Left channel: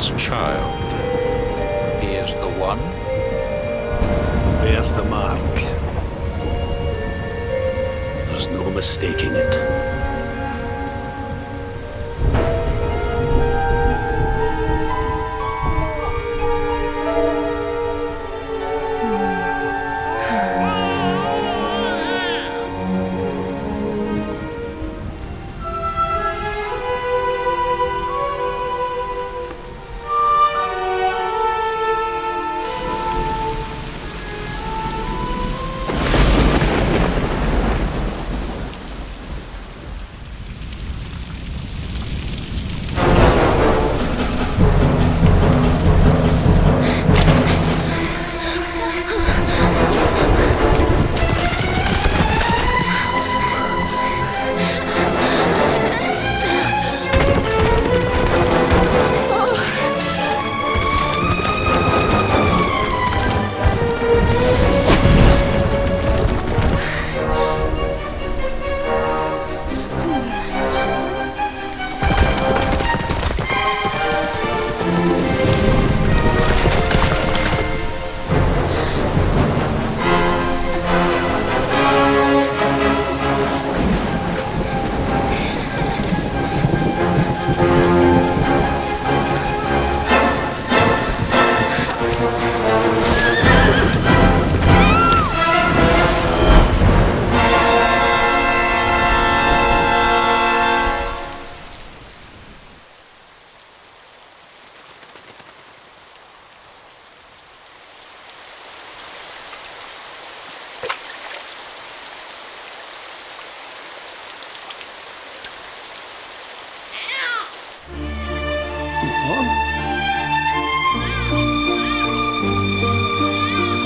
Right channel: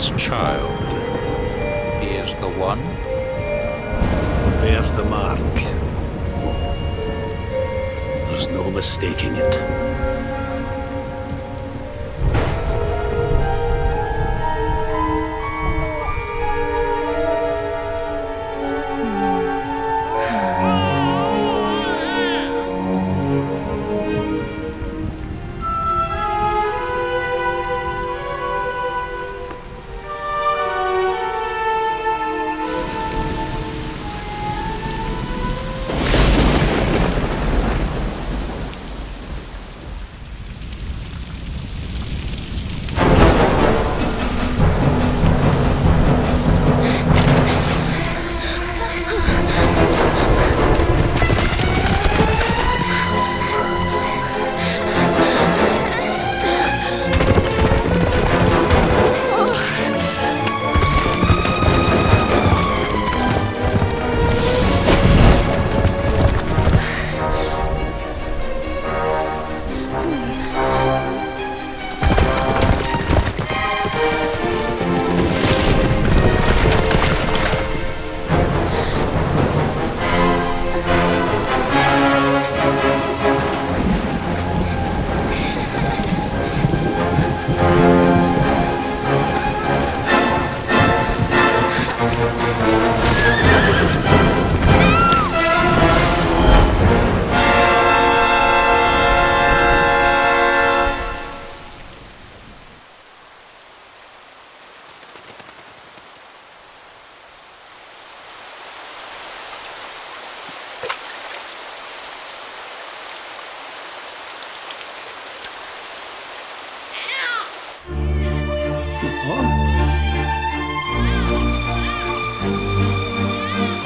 this child. He is the one? There's the mark. There's no mistaking it.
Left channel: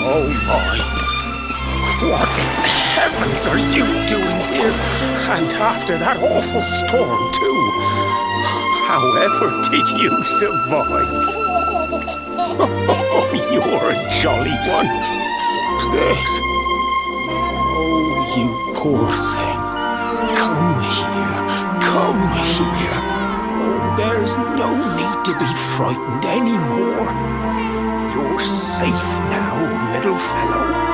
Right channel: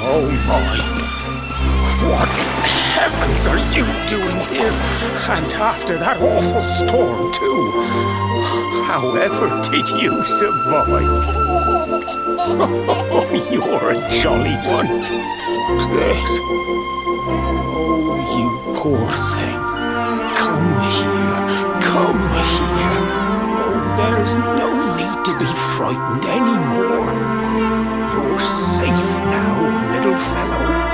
Oh my! What in heavens are you doing here? And after that awful storm, too. However did you survive? Oh, you're a jolly one. What's this? Oh, you poor thing. Come here. Come here. Oh, there's no need to be frightened anymore. You're safe now, little fellow.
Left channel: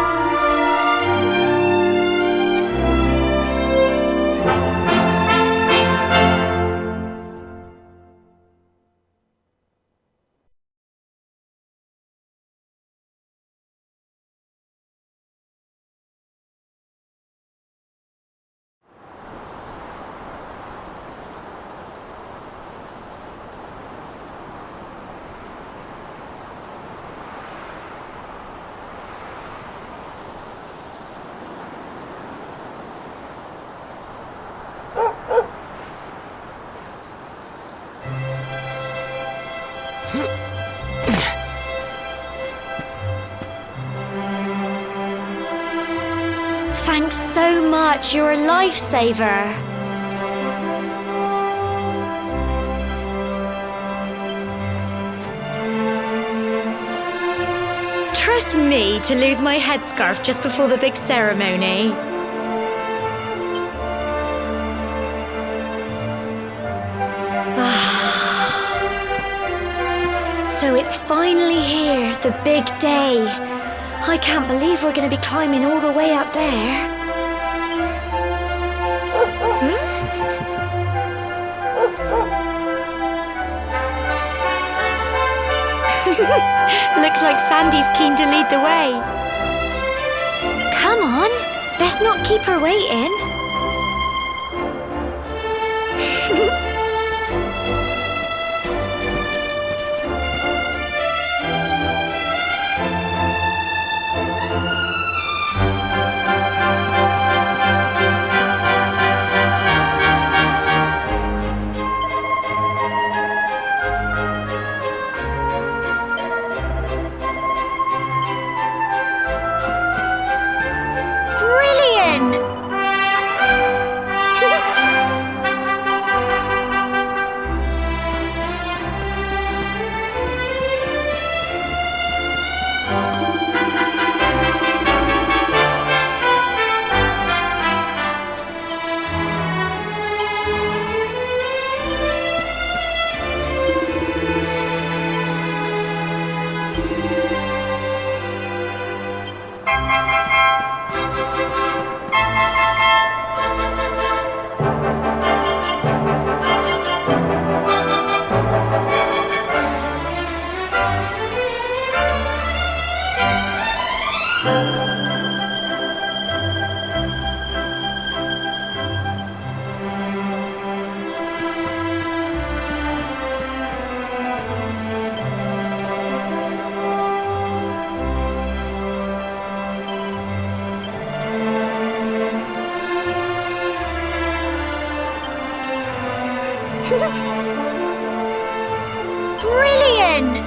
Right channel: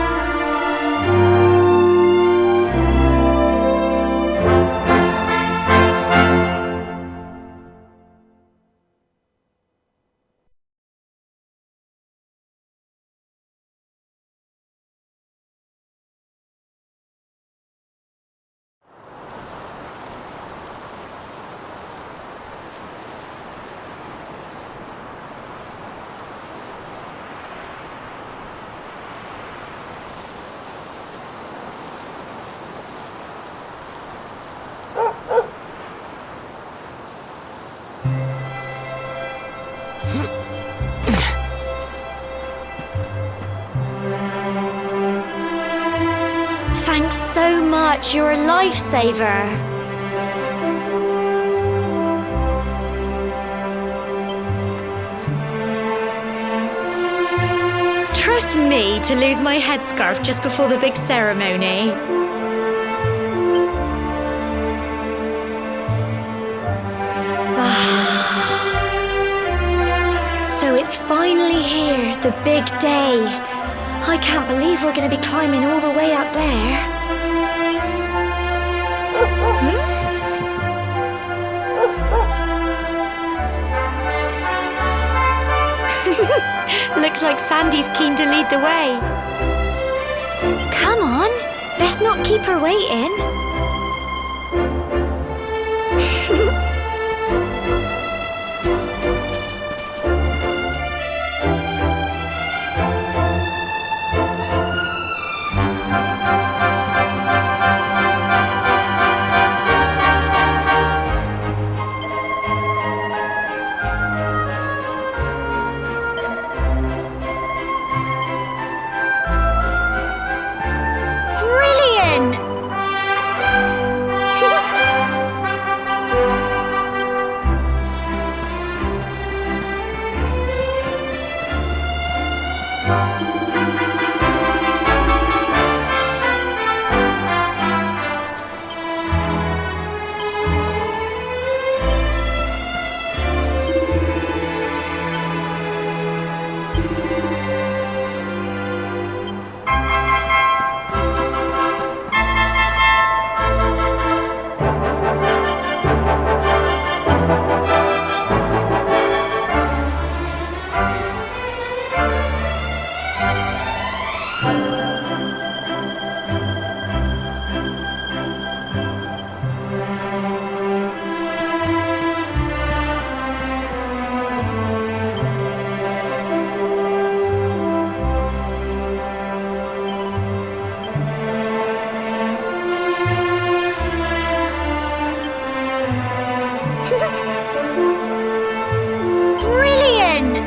Thanks so much, you're a lifesaver. Trust me to lose my headscarf just before the big ceremony. So it's finally here, the big day. I can't believe we're going to be climbing all the way up there. Looks like Sandy's keen to lead the way. Come on, best not keep her waiting. Brilliant! Brilliant!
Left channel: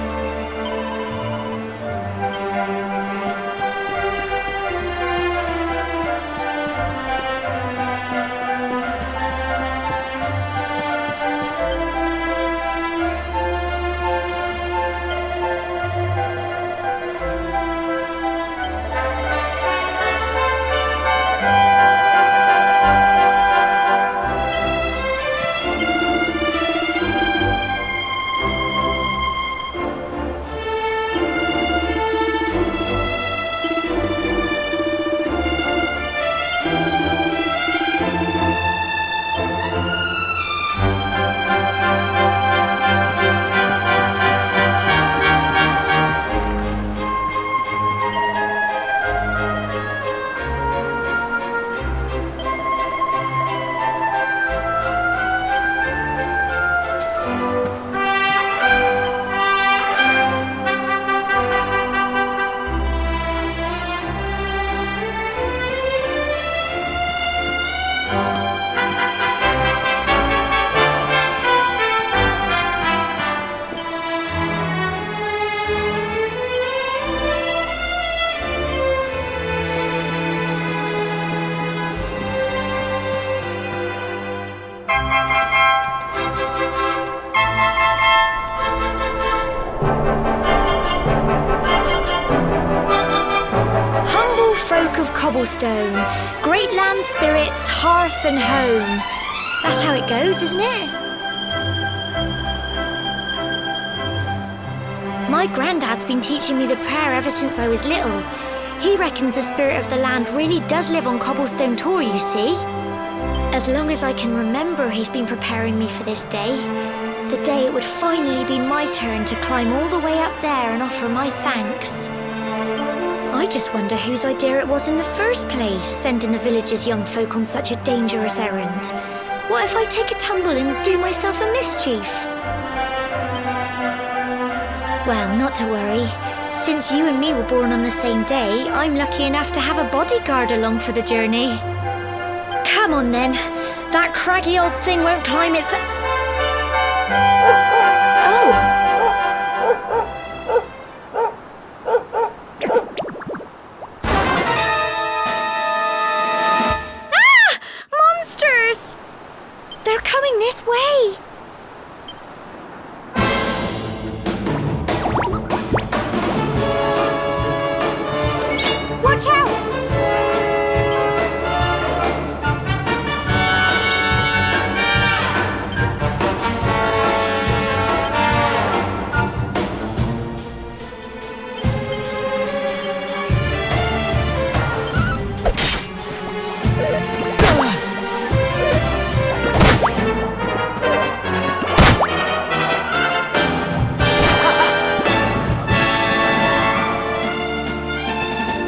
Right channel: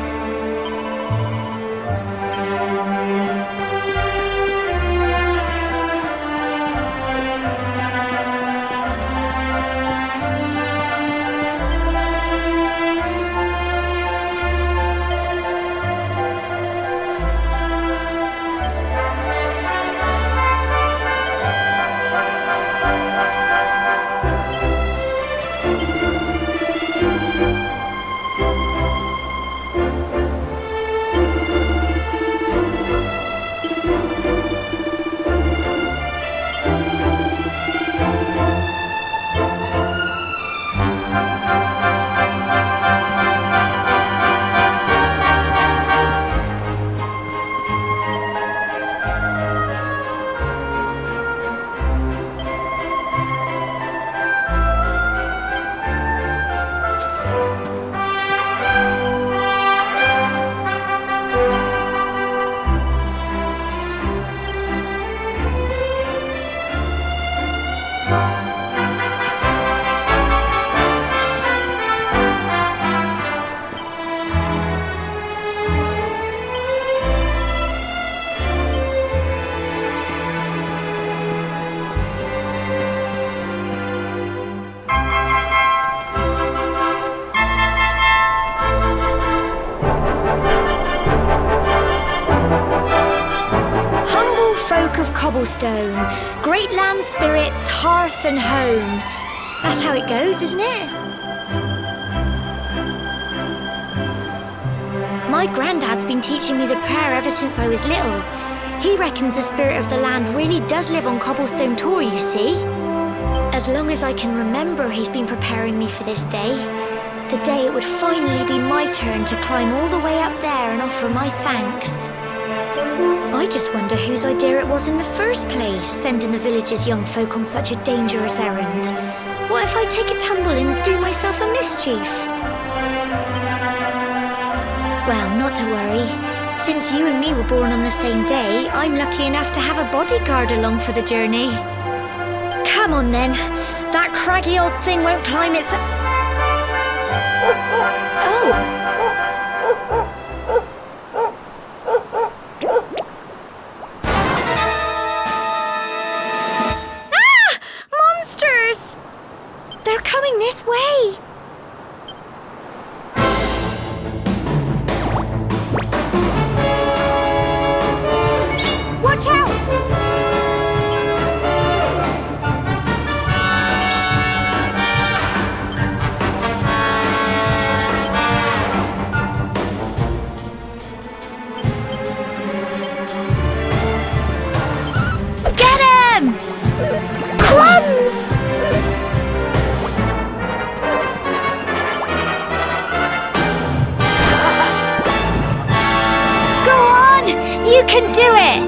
Folk of cobblestone, great land spirits, hearth and home. That's how it goes, isn't it? My granddad's been teaching me the prayer ever since I was little. He reckons the spirit of the land really does live on Cobblestone Tor, you see. As long as I can remember, he's been preparing me for this day. The day it would finally be my turn to climb all the way up there and offer my thanks. I just wonder whose idea it was in the first place, sending the village's young folk on such a dangerous errand. What if I take a tumble and do myself a mischief? Well, not to worry. Since you and me were born on the same day, I'm lucky enough to have a bodyguard along for the journey. Come on then. That craggy old thing won't climb its... Oh! They're coming this way! Watch out! Get him! You can do it!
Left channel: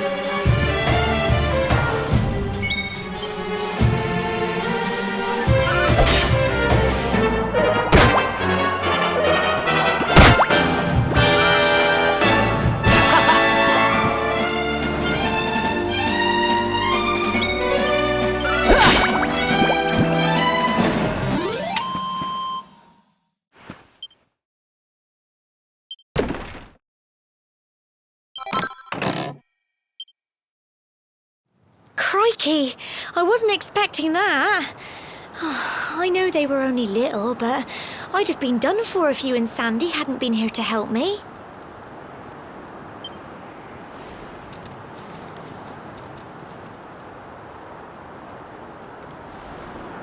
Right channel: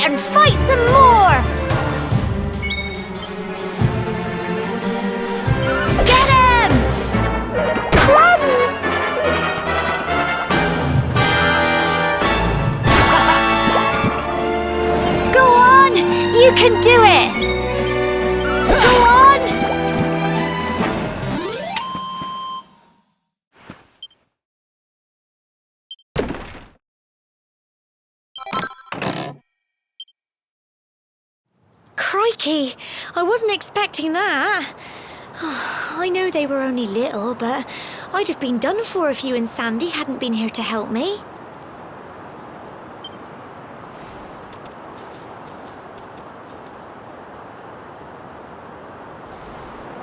And fight some more! Get him! Crumbs! Go on! You can do it! Go on! Crikey, I wasn't expecting that. I know they were only little, but I'd have been done for if you and Sandy hadn't been here to help me.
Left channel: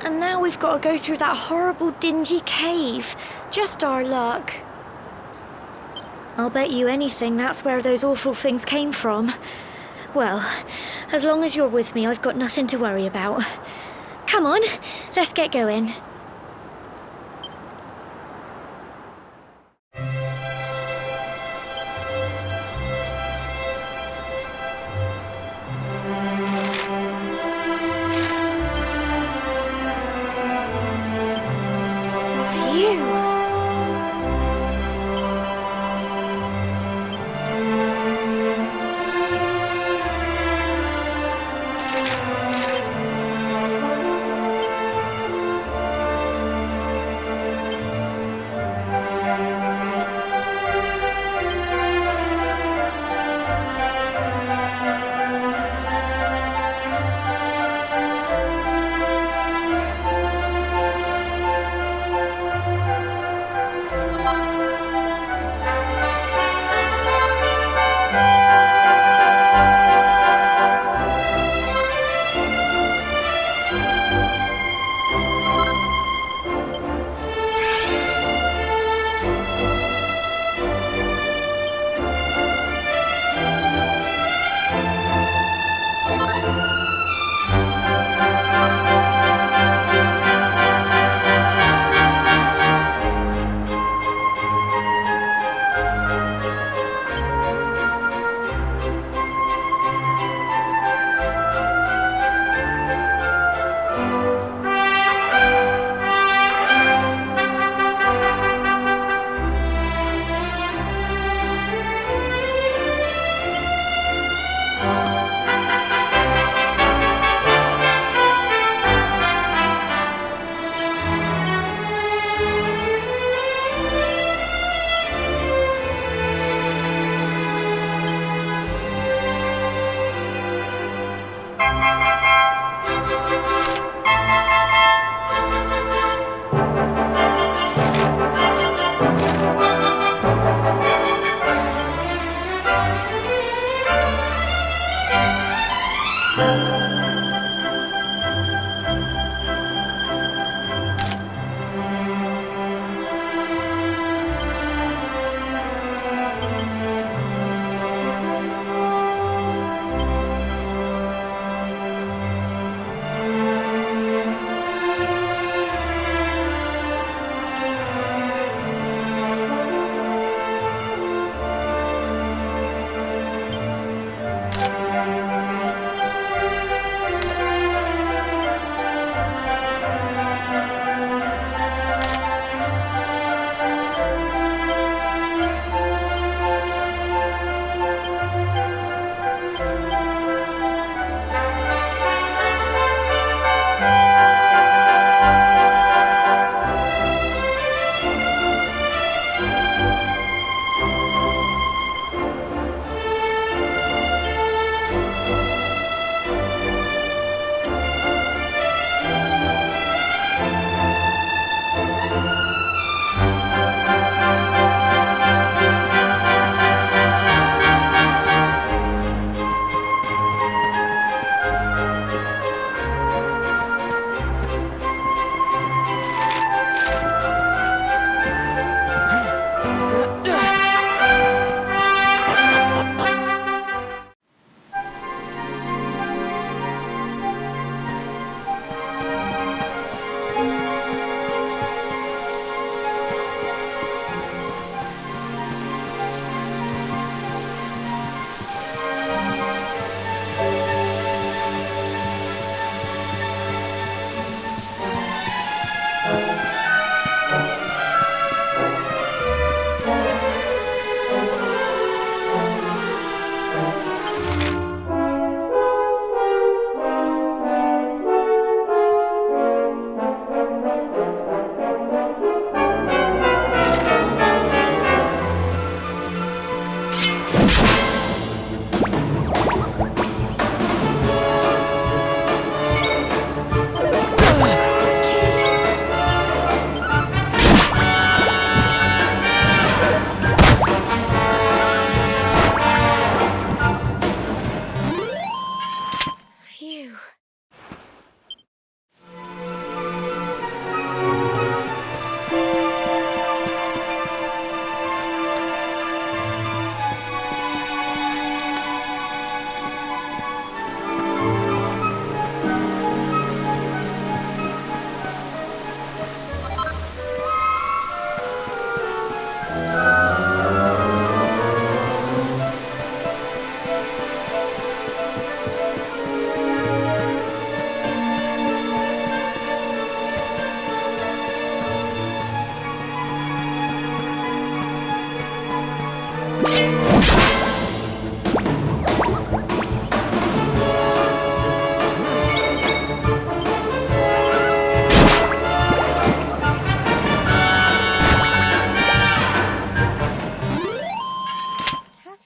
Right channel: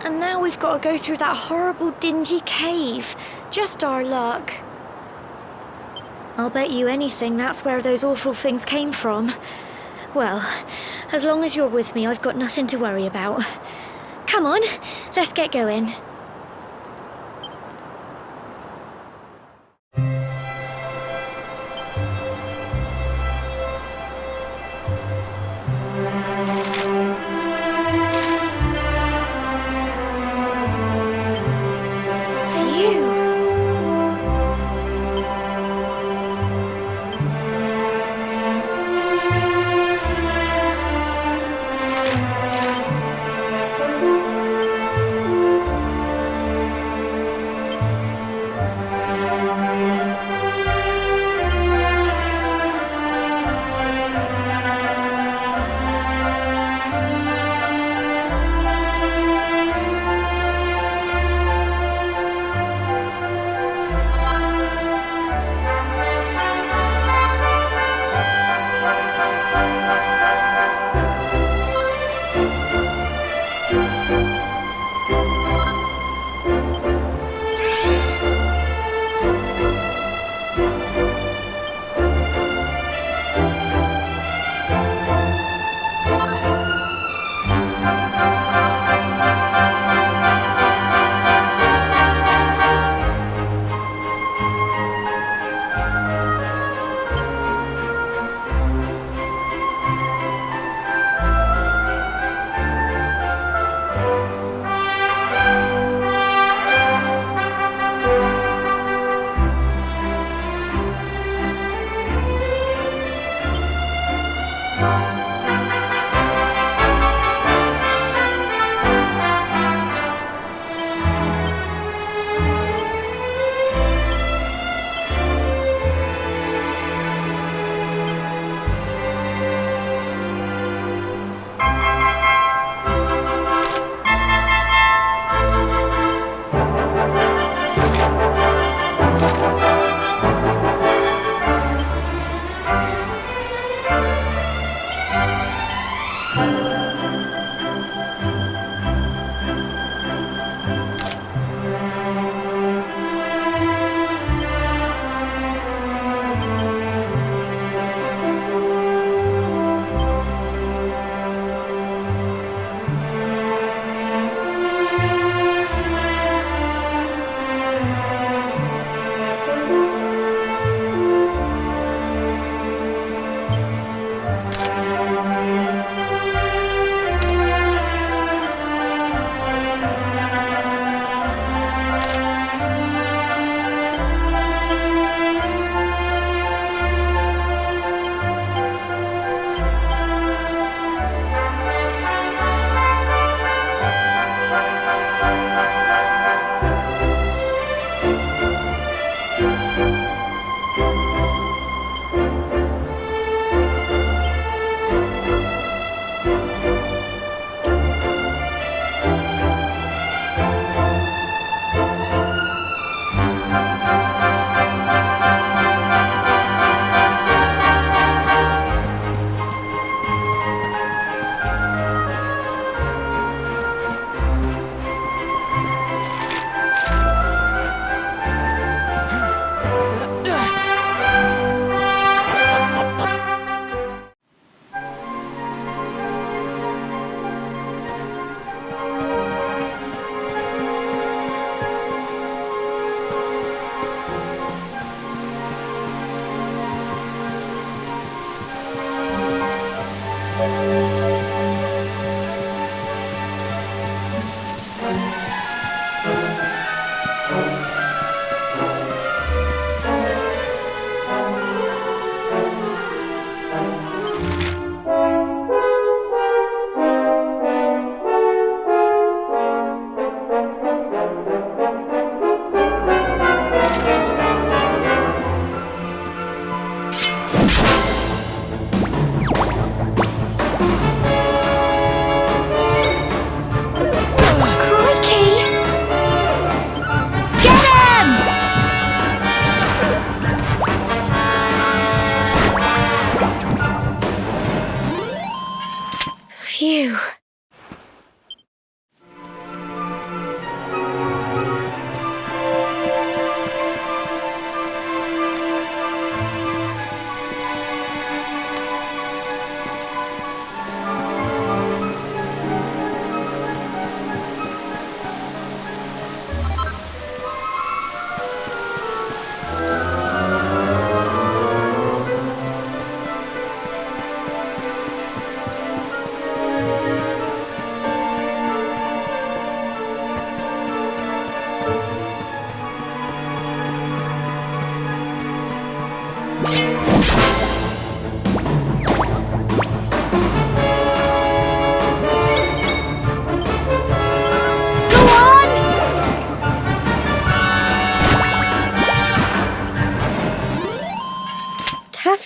And now we've got to go through that horrible, dingy cave. Just our luck. I'll bet you anything that's where those awful things came from. Well, as long as you're with me, I've got nothing to worry about. Come on, let's get going.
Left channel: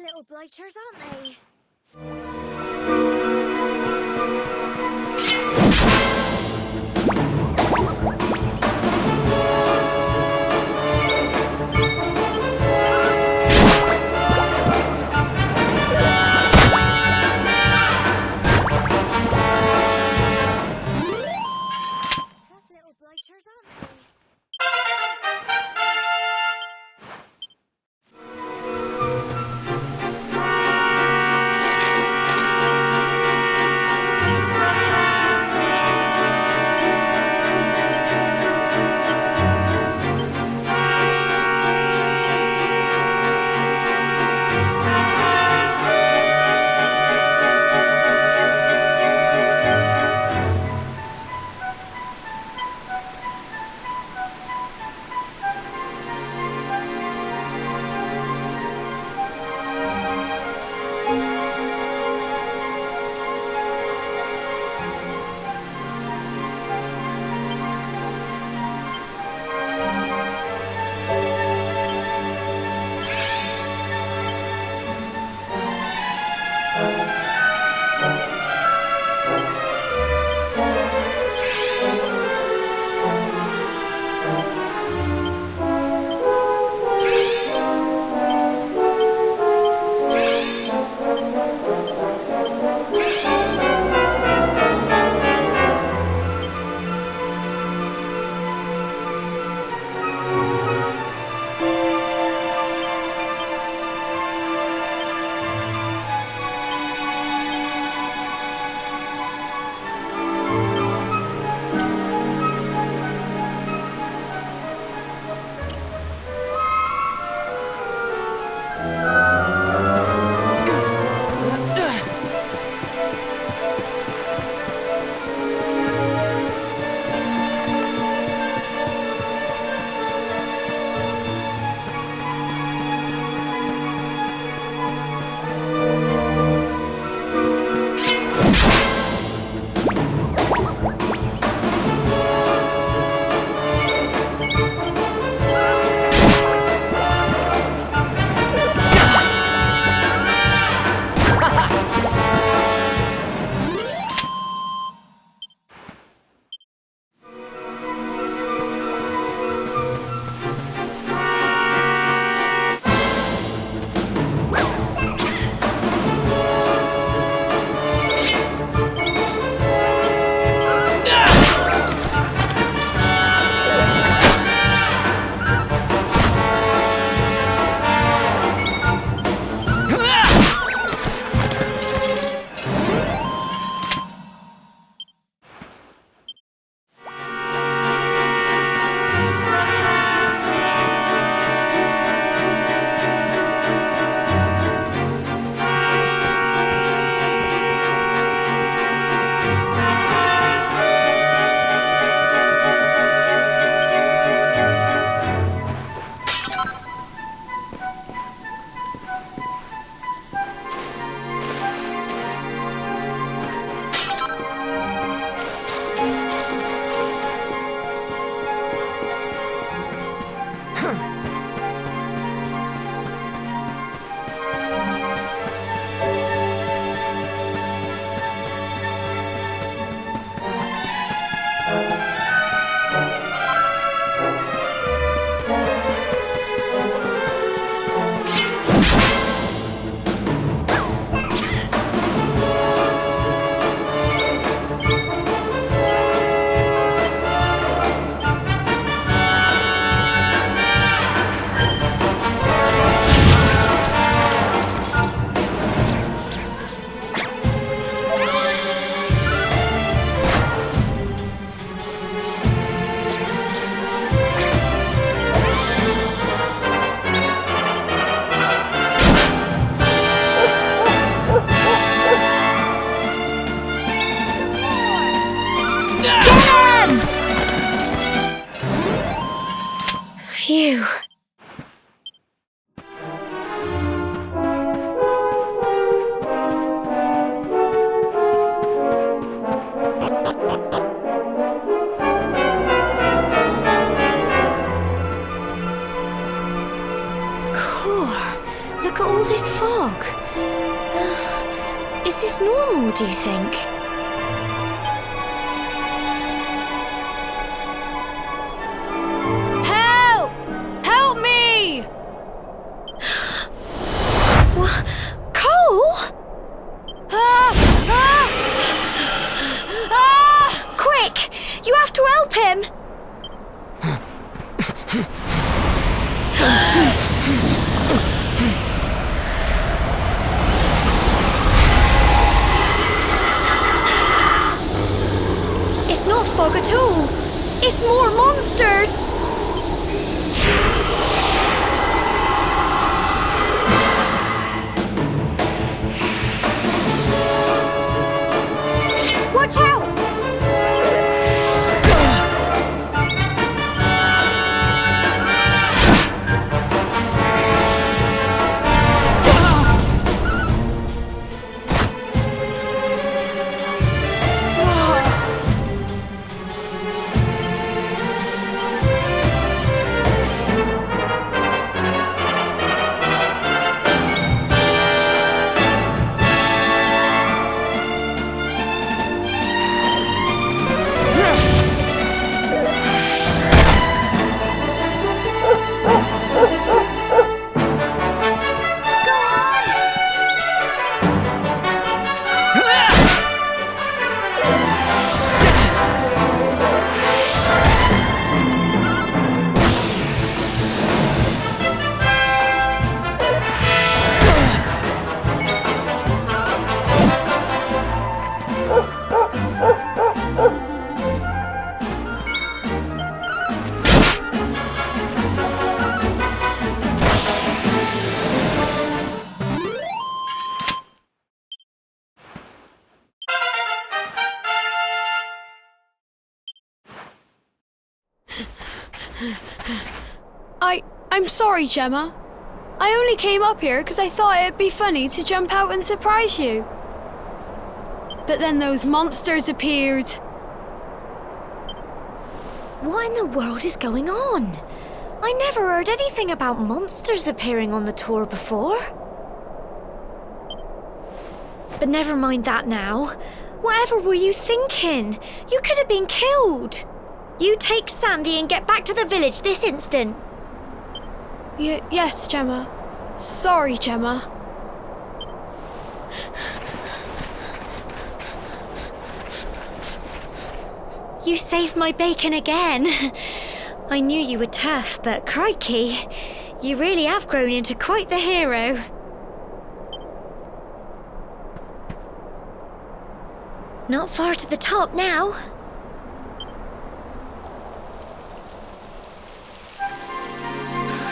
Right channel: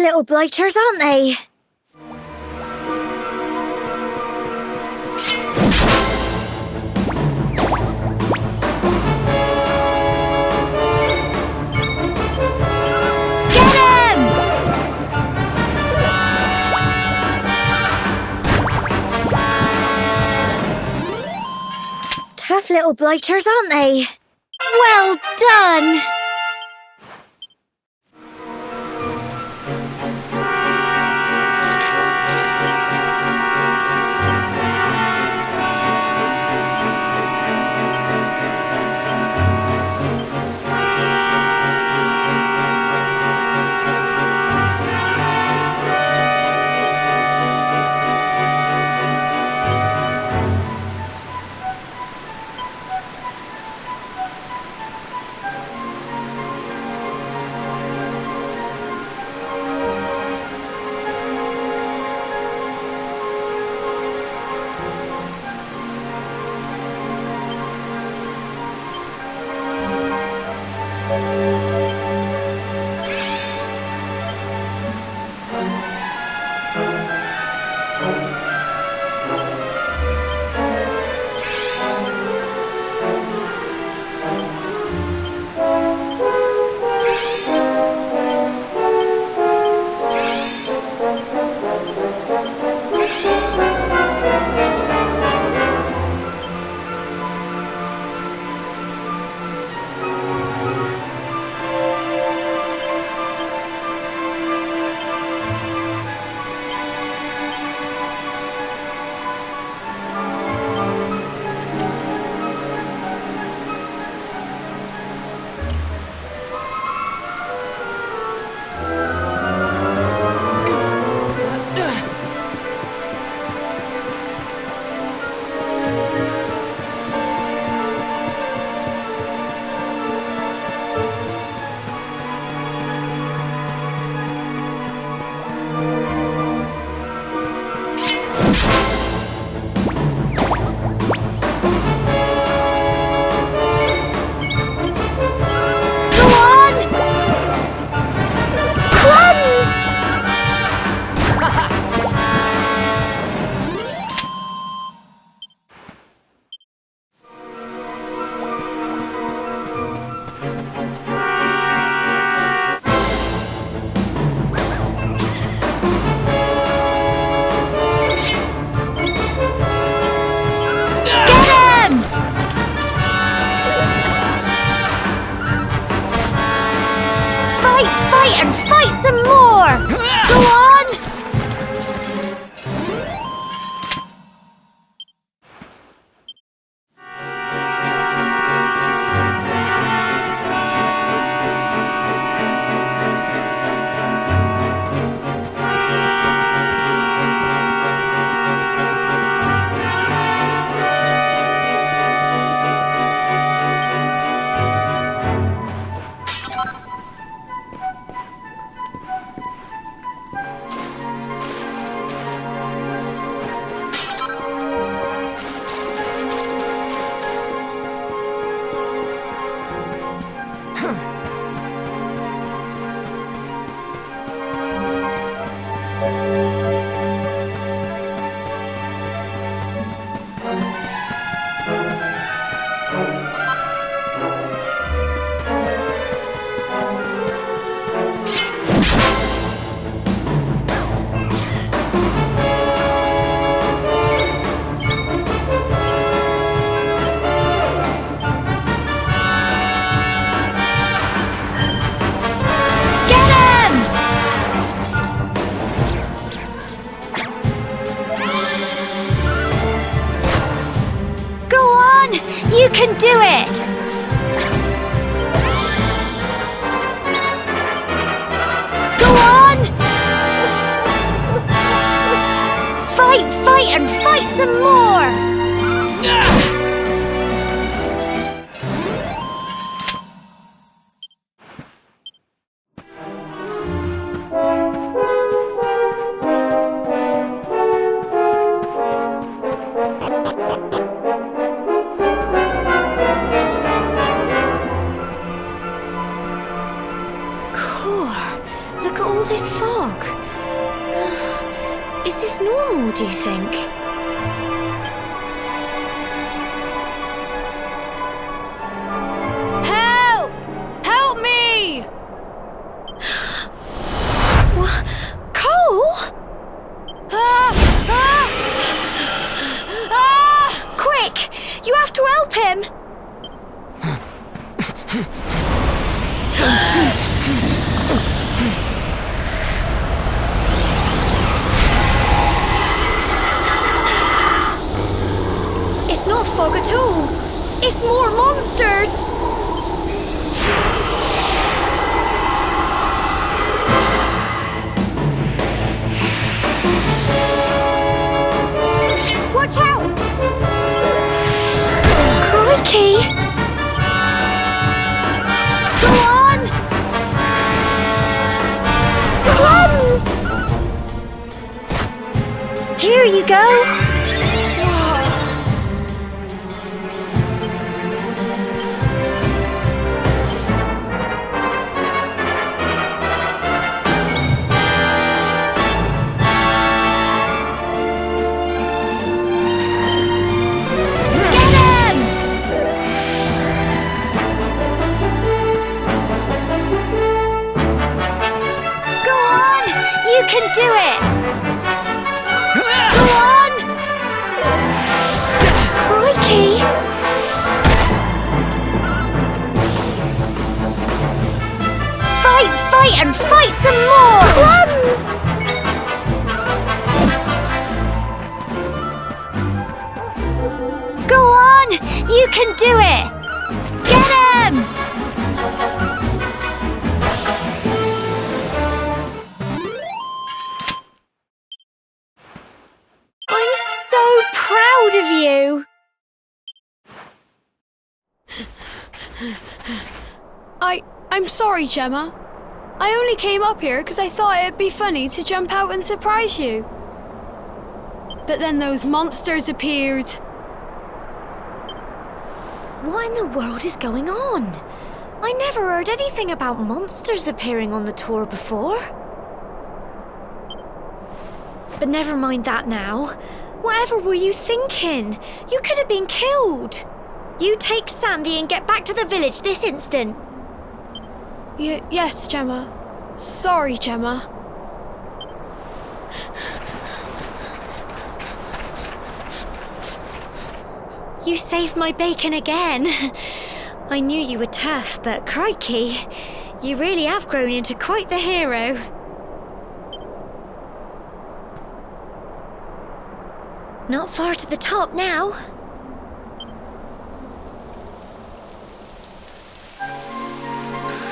little blighters, aren't they? Tough little blighters, aren't they? Well done! Look at all this fog. Is this normal, do you think? Help! Help me! What? Cole? Ah! Ah! Ah! Quick! You have to help him! It's not fog at all. It's more monsters! Watch out! Crikey! Go on! Bombs! Here you go. Go on! You can do it! Go on! Crikey! Fight and fight some more! Plums! Go on! You can do it! Get him! I'm so proud of you! I'm sorry, Gemma. I only came up here because I thought it'd be funny to jump out and surprise you. But then those monsters appeared. What in the world is going on? I never heard anything about monsters appearing on the tour before. But never mind that now. Whatever were you thinking? You could have been killed. You take Sandy and get back to the village this instant. Yes, Gemma. Sorry, Gemma. You saved my bacon again. I knew you were tough, but crikey, you really have grown into quite the hero. Not far to the top now.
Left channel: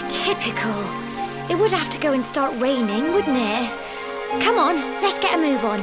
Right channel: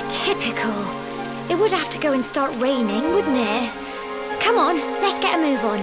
Typical. It would have to go and start raining, wouldn't it? Come on, let's get a move on.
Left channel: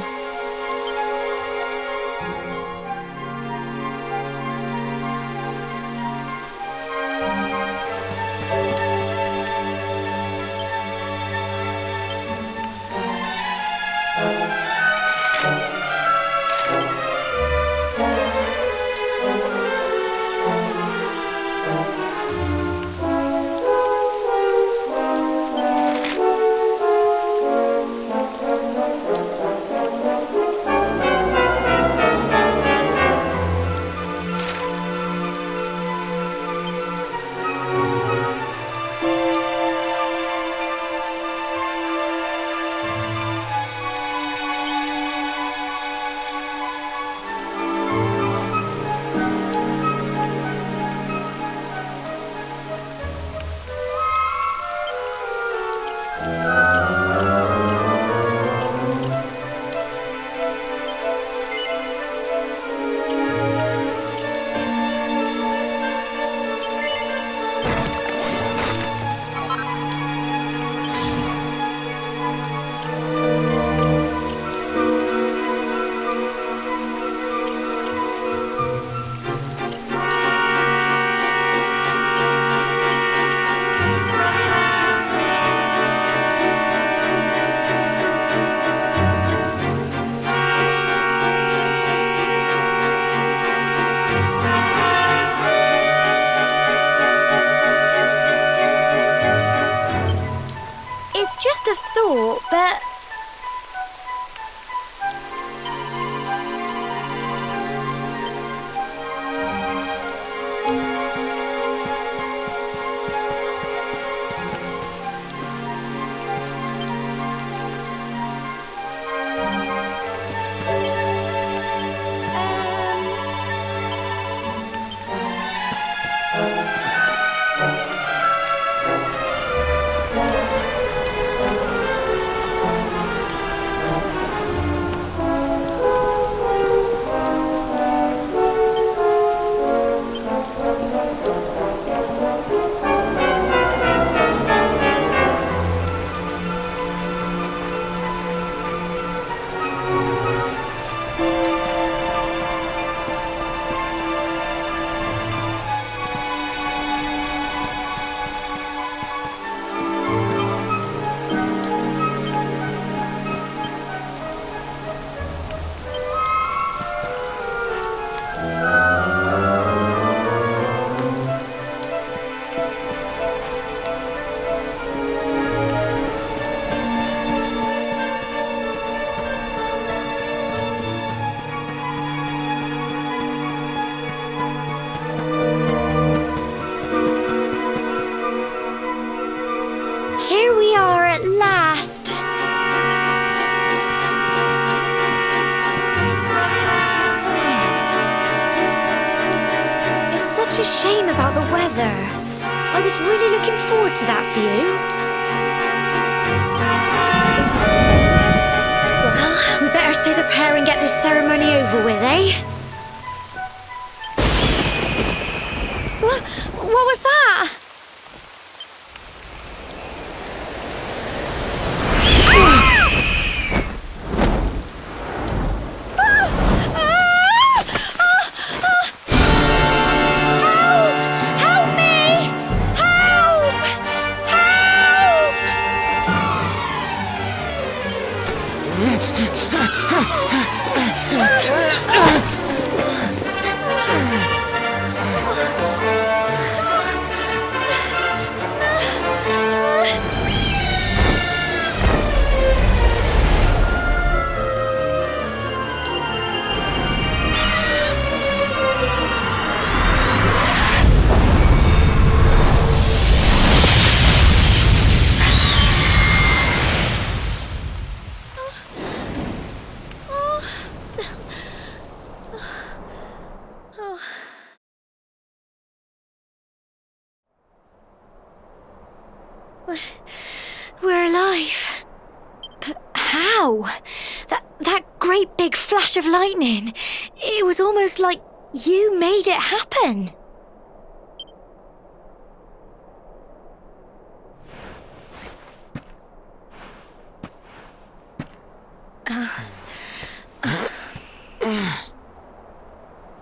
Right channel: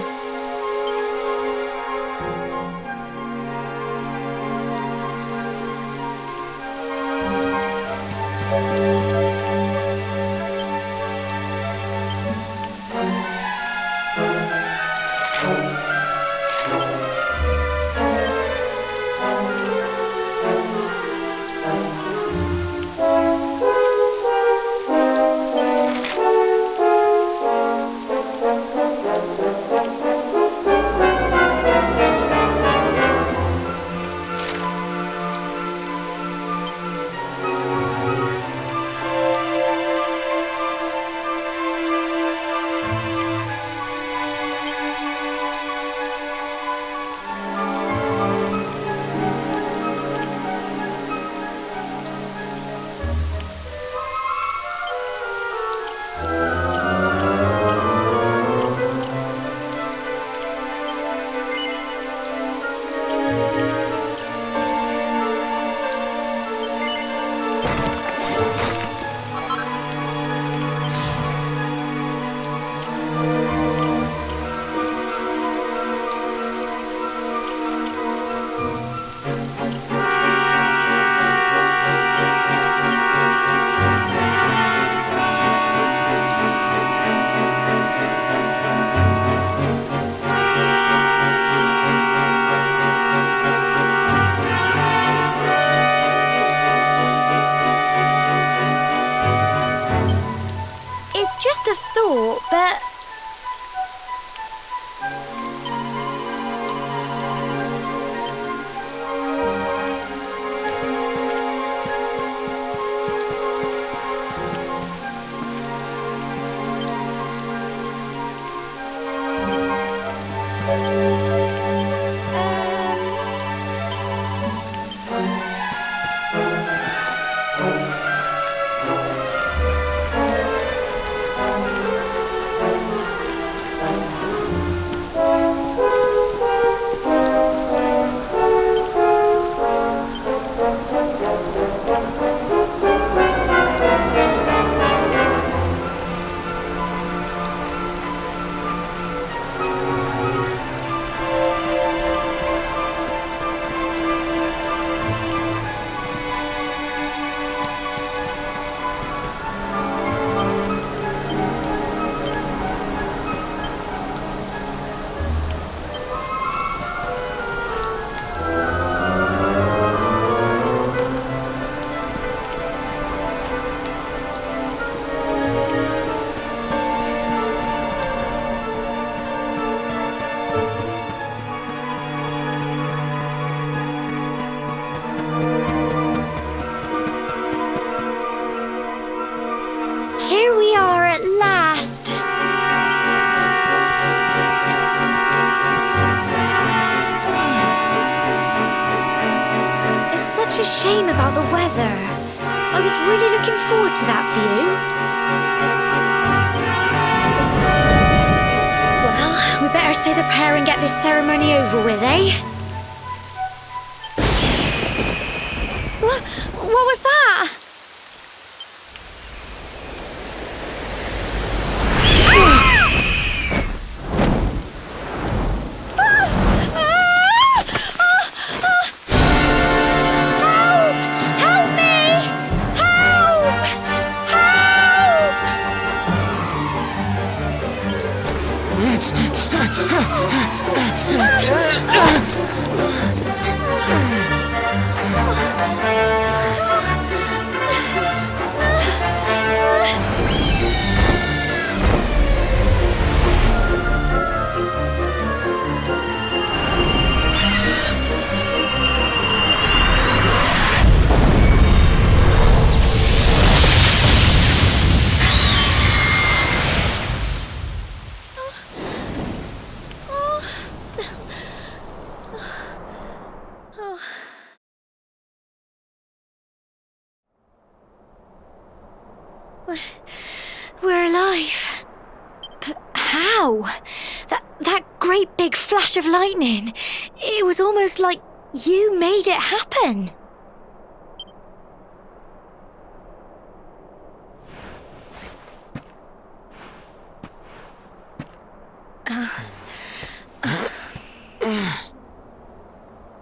such a shame about the weather. I was really looking forward to that view. Well, we better say the prayer and get this ceremony over with, eh? What was that? We're alive. But how? That great big flash of lightning. It was almost like you made it happen.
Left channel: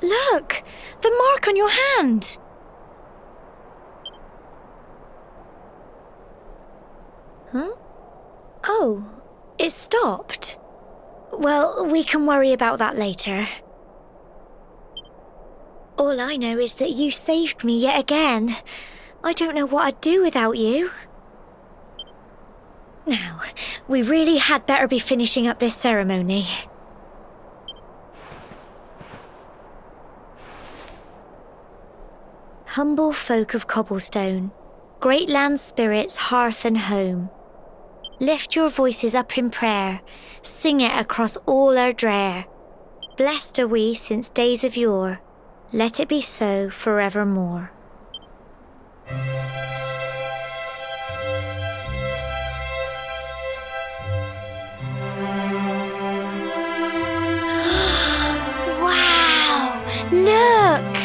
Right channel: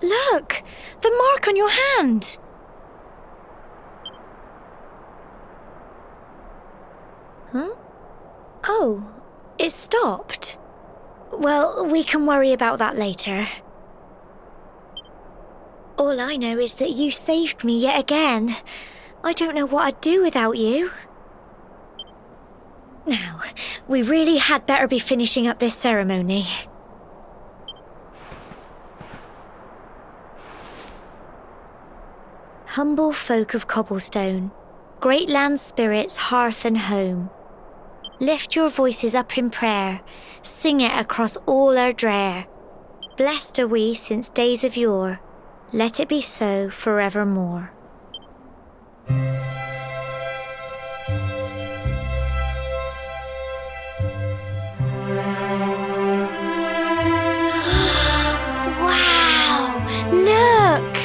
Look! The mark on your hand! Huh? Oh, it stopped. Well, we can worry about that later. All I know is that you saved me yet again. I don't know what I'd do without you. Now, we really had better be finishing up this ceremony. Humble folk of cobblestone, great land spirits, hearth and home, lift your voices up in prayer, sing it across all our drear. Blessed are we since days of yore, let it be so forevermore. Wow! Look!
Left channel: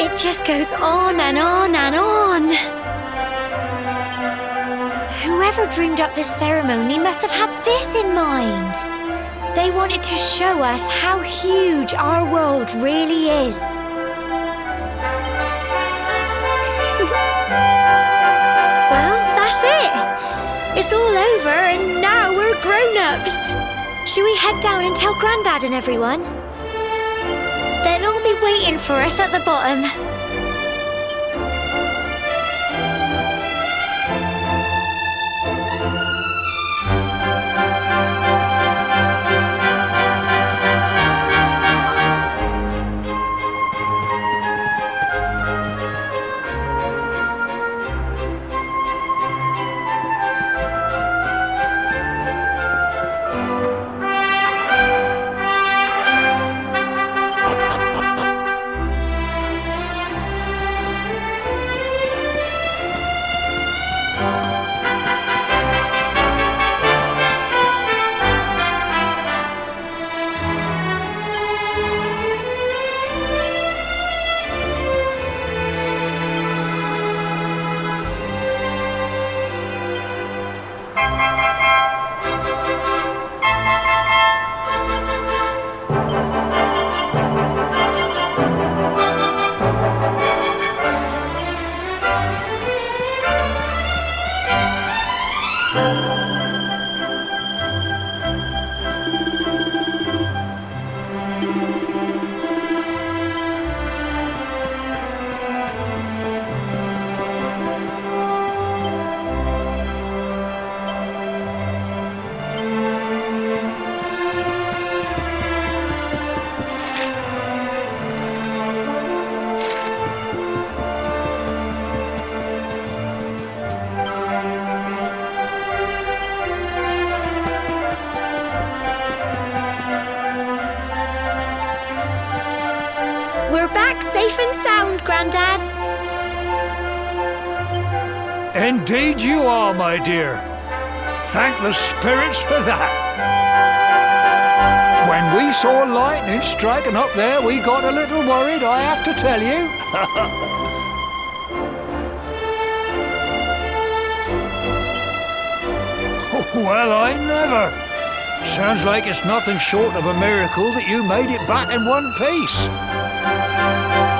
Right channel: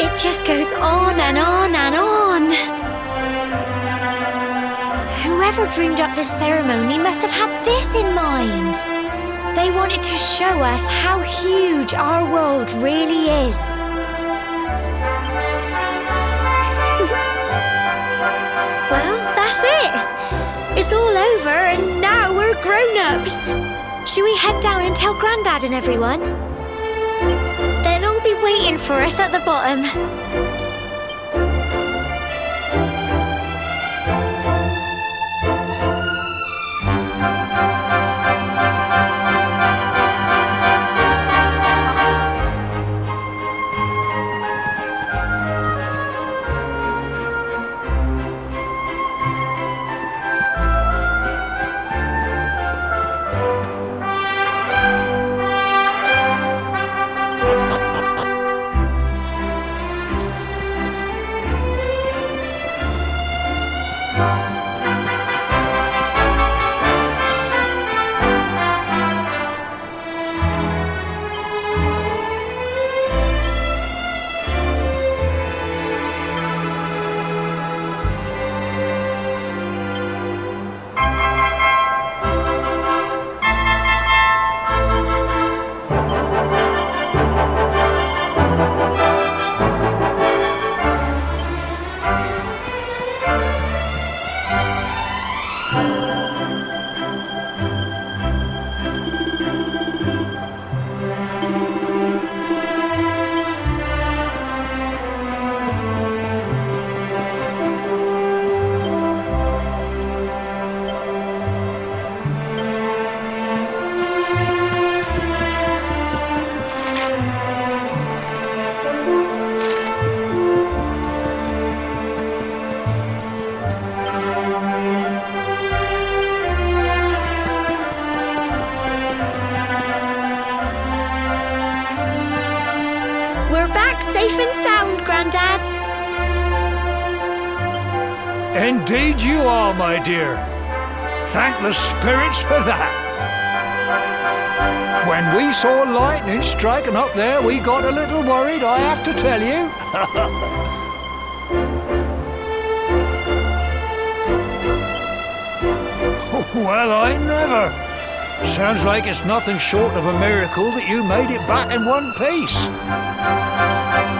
It just goes on and on and on. Whoever dreamed up this ceremony must have had this in mind. They wanted to show us how huge our world really is. Well, that's it. It's all over and now we're grown-ups. Should we head down and tell Grandad and everyone? They'll all be waiting for us at the bottom. and sound, Grandad. Indeed you are, my dear. Thank the spirits for that. When we saw lightning striking up there, we got a little worried, I have to tell you. Well, I never. Sounds like it's nothing short of a miracle that you made it back in one piece.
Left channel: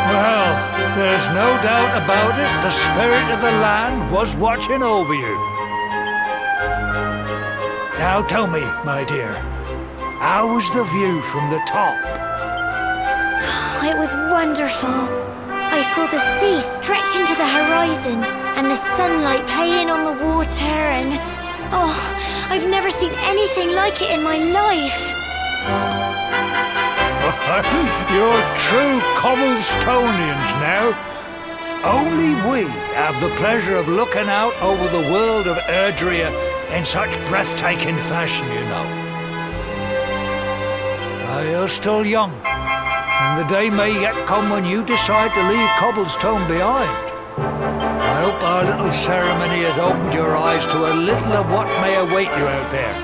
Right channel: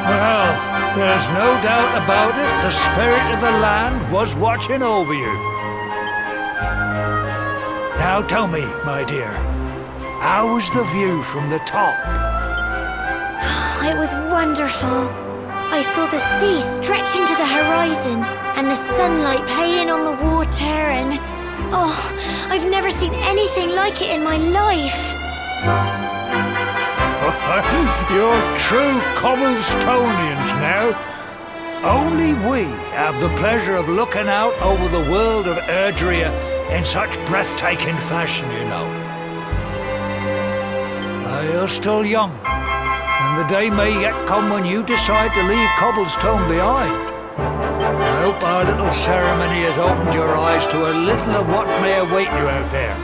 Well, there's no doubt about it, the spirit of the land was watching over you. Now tell me, my dear, how was the view from the top? It was wonderful. I saw the sea stretch into the horizon and the sunlight playing on the water and... Oh, I've never seen anything like it in my life. You're true Cobblestonians now. Only we have the pleasure of looking out over the world of Erdrea in such breathtaking fashion, you know. You're still young, and the day may yet come when you decide to leave Cobblestone behind. I hope our little ceremony has opened your eyes to a little of what may await you out there.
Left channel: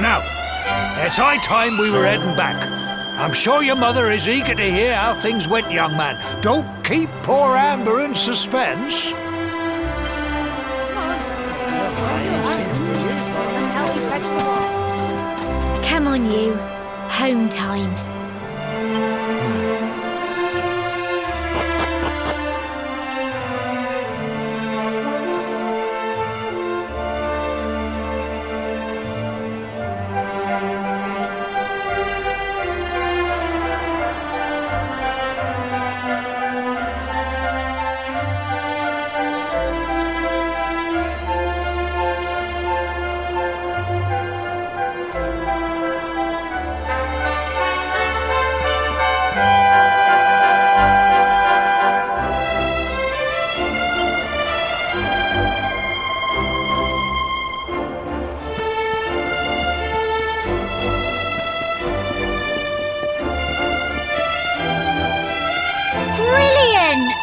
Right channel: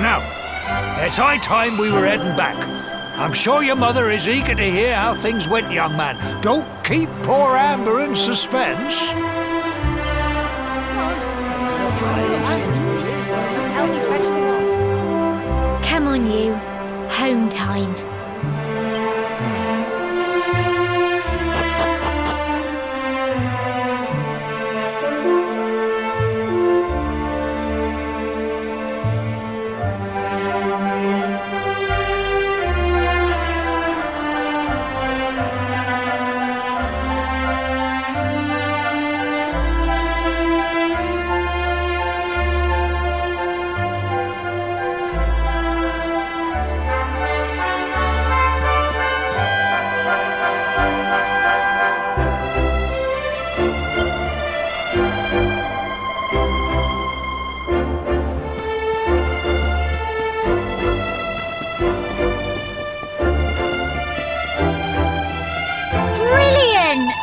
Now, it's high time we were heading back. I'm sure your mother is eager to hear how things went, young man. Don't keep poor Amber in suspense. Come on, you. Home time. Brilliant!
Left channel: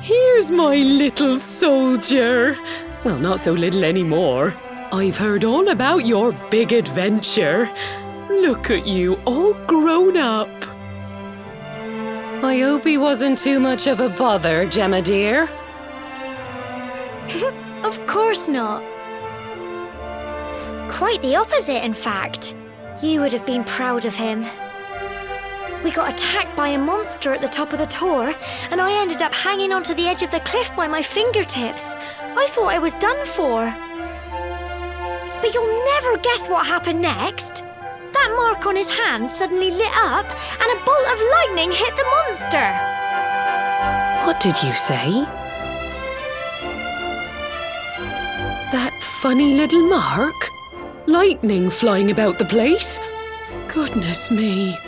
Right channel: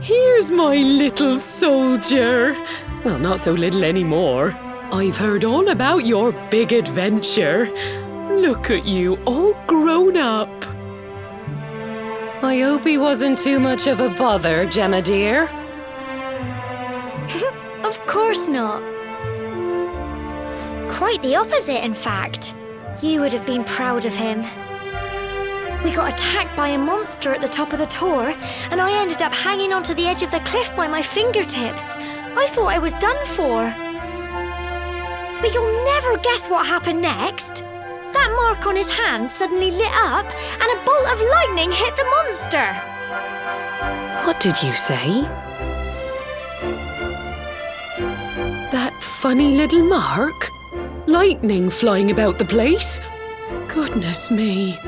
Here's my little soldier. Well, not so little anymore. I've heard all about your big adventure. Look at you, all grown up. I hope he wasn't too much of a bother, Gemma dear. Of course not. Quite the opposite, in fact. You would have been proud of him. We got attacked by a monster at the top of the tower, and I ended up hanging onto the edge of the cliff by my fingertips. I thought I was done for. But you'll never guess what happened next. That mark on his hand suddenly lit up, and a bolt of lightning hit the monster. What did you say? That funny little mark? Lightning flying about the place? Goodness me.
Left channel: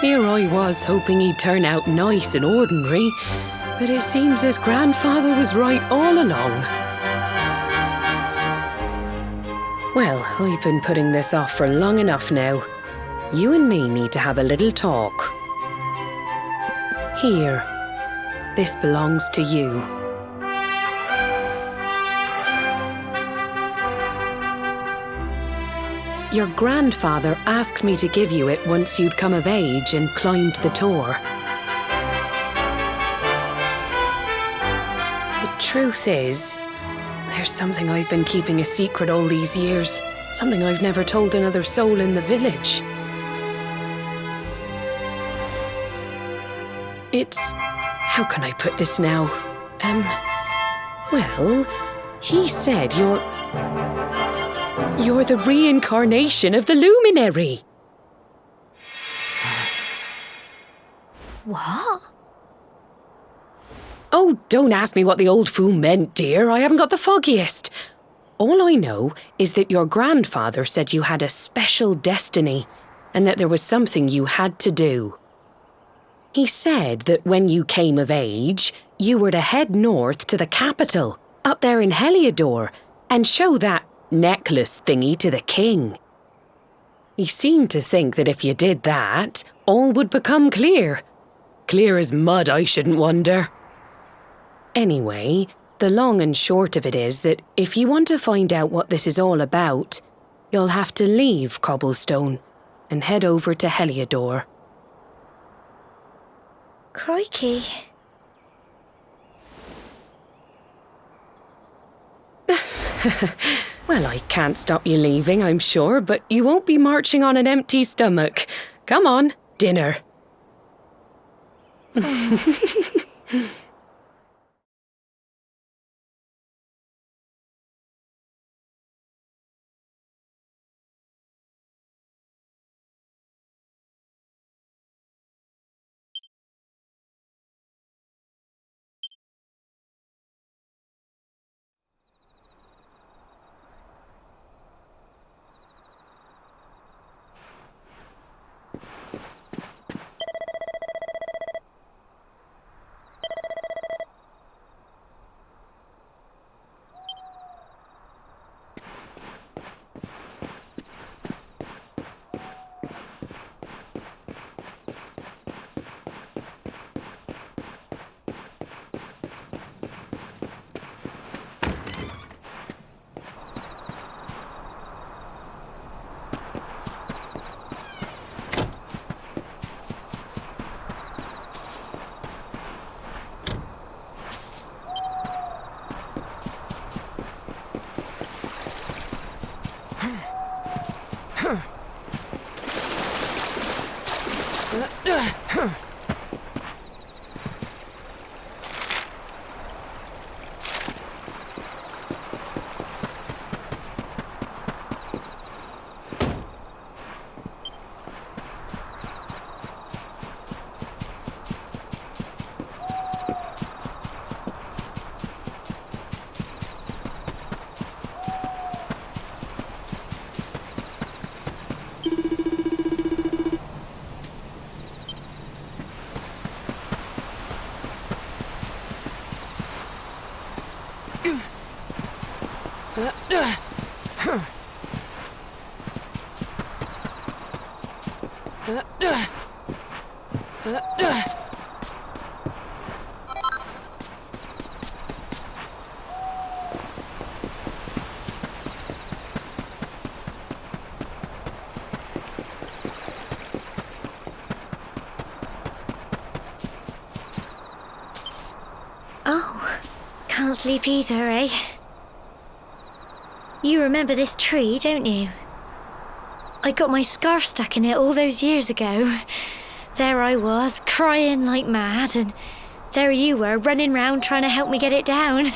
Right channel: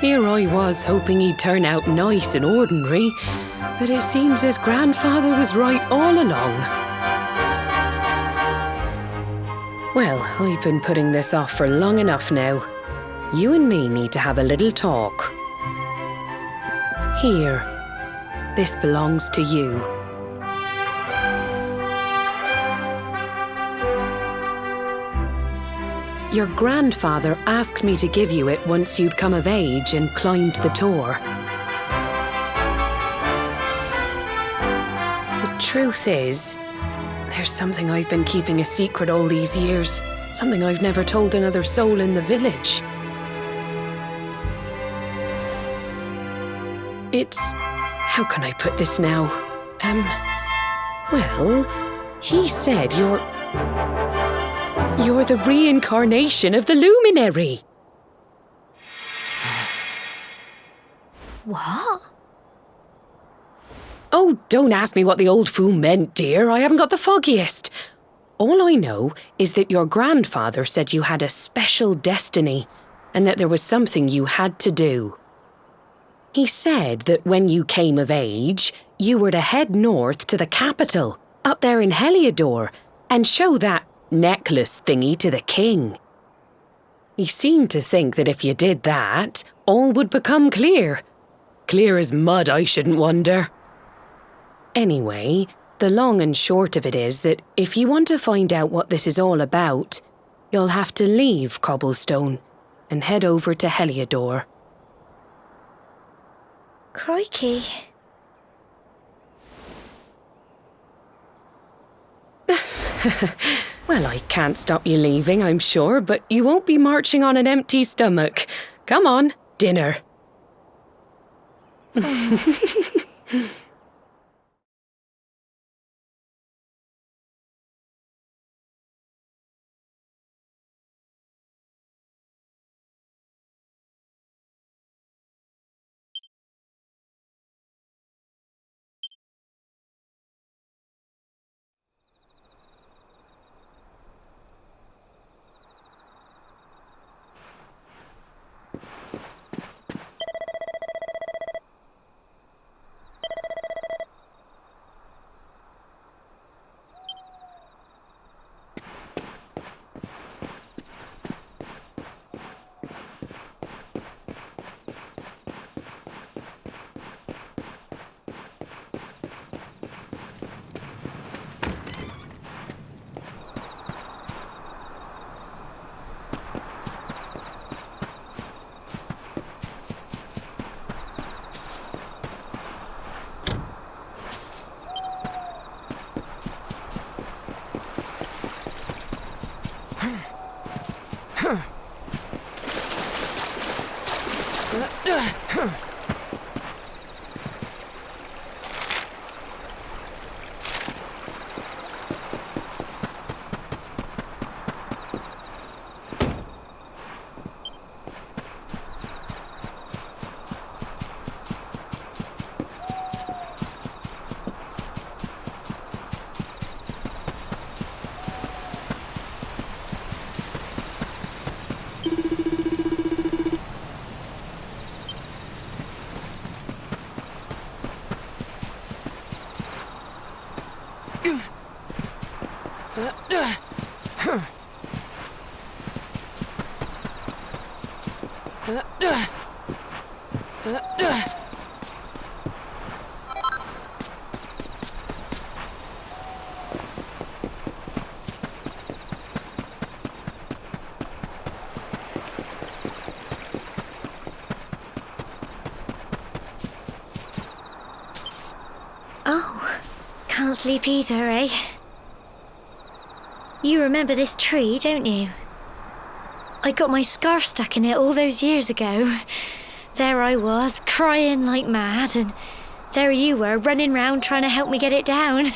Here I was hoping he'd turn out nice and ordinary, but it seems his grandfather was right all along. Well, I've been putting this off for long enough now. You and me need to have a little talk. Here, this belongs to you. Your grandfather asked me to give you it once you'd come of age and climbed the tower. The truth is, there's something I've been keeping a secret all these years. Something I've never told another soul in the village. It's... how can I put this now? Well, he said you're the reincarnation of the luminary. What? Oh, don't ask me what the old fool meant, dear. I haven't got the foggiest. All I know is that your grandfather said you had a special destiny and that there was something you had to do. He said that when you came of age, you were to head north to the capital, up there in Heliodor, and show that necklace thingy to the king. He seemed to think that if you did that, all would become clear. Clear as mud, I shouldn't wonder. Anyway, the long and short of it is that if you want to find out what this is all about, you'll have to leave Cobblestone and head over to Heliodor. Crikey. Well, I can't stop you leaving, I'm sure, but you won't be marching on an empty stomach. Come on, dinner. Oh, can't sleep either, eh? You remember this tree, don't you? I got my scarf stuck in it all those years ago. There I was, crying like mad, and there you were, running round trying to help me get it down.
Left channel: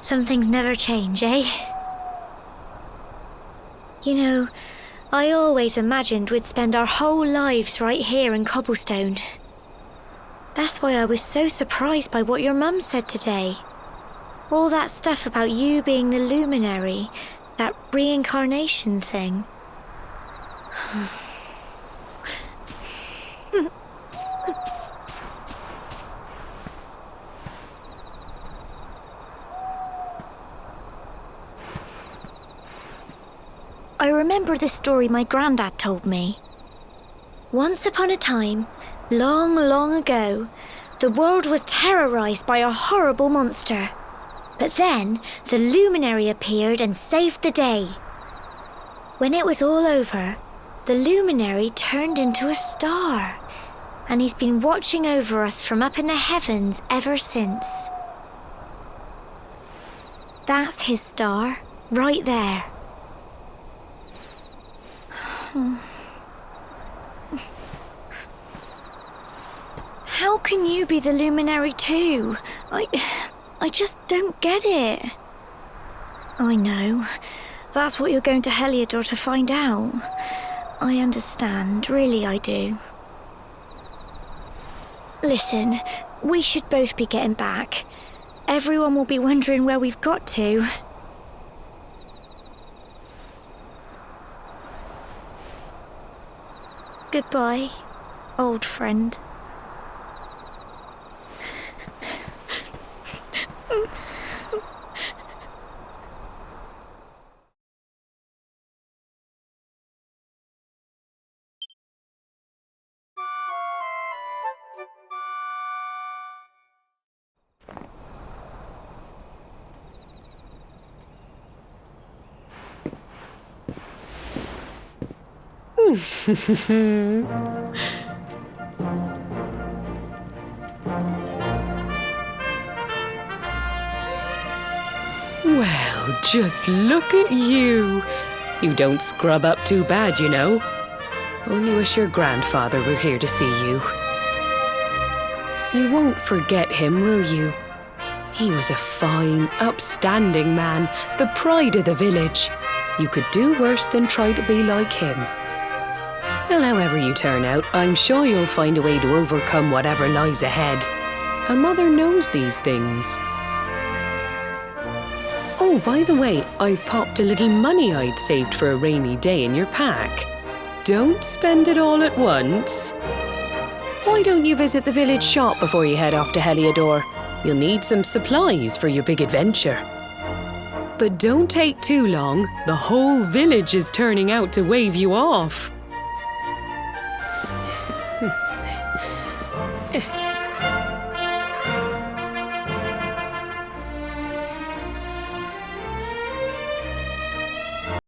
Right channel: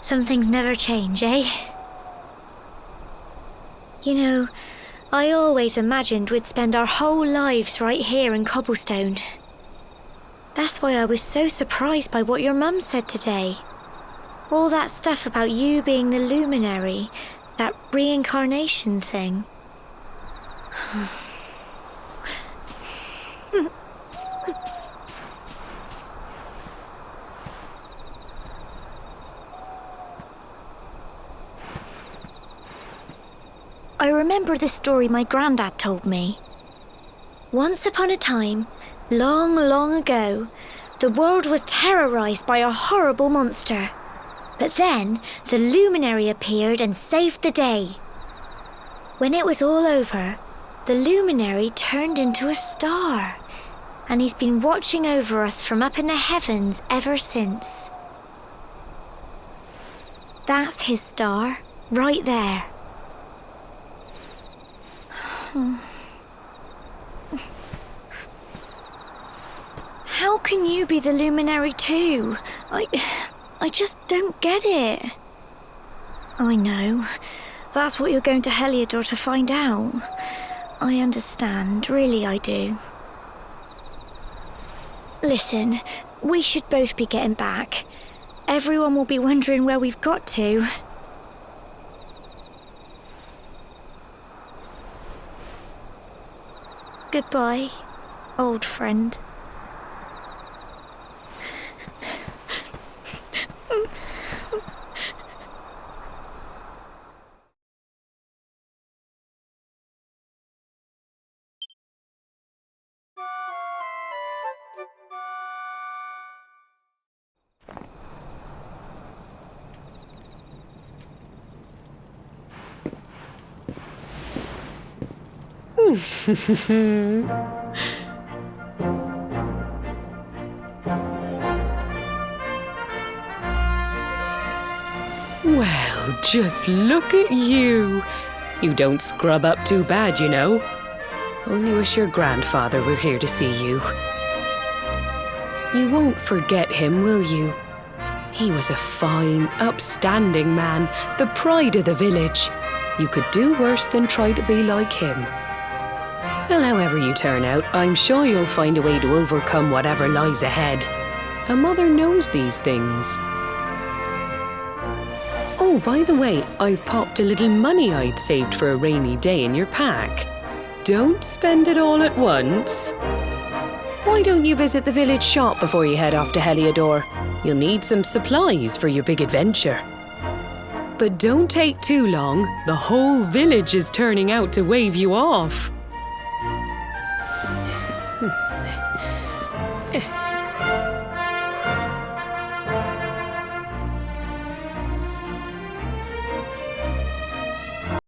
Some things never change, eh? You know, I always imagined we'd spend our whole lives right here in Cobblestone. That's why I was so surprised by what your mum said today. All that stuff about you being the luminary, that reincarnation thing. I remember the story my granddad told me. Once upon a time, long, long ago, the world was terrorized by a horrible monster. But then, the luminary appeared and saved the day. When it was all over, the luminary turned into a star, and he's been watching over us from up in the heavens ever since. That's his star, right there. How can you be the luminary too? I just don't get it. I know. That's what you're going to Heliodor to find out. I understand, really I do. Listen, we should both be getting back. Everyone will be wondering where we've got to. Goodbye, old friend. Well, just look at you. You don't scrub up too bad, you know. Only wish your grandfather were here to see you. You won't forget him, will you? He was a fine, upstanding man, the pride of the village. You could do worse than try to be like him. Well, however you turn out, I'm sure you'll find a way to overcome whatever lies ahead. A mother knows these things. Oh, by the way, I've popped a little money I'd saved for a rainy day in your pack. Don't spend it all at once. Why don't you visit the village shop before you head off to Heliodor? You'll need some supplies for your big adventure. But don't take too long. The whole village is turning out to wave you off.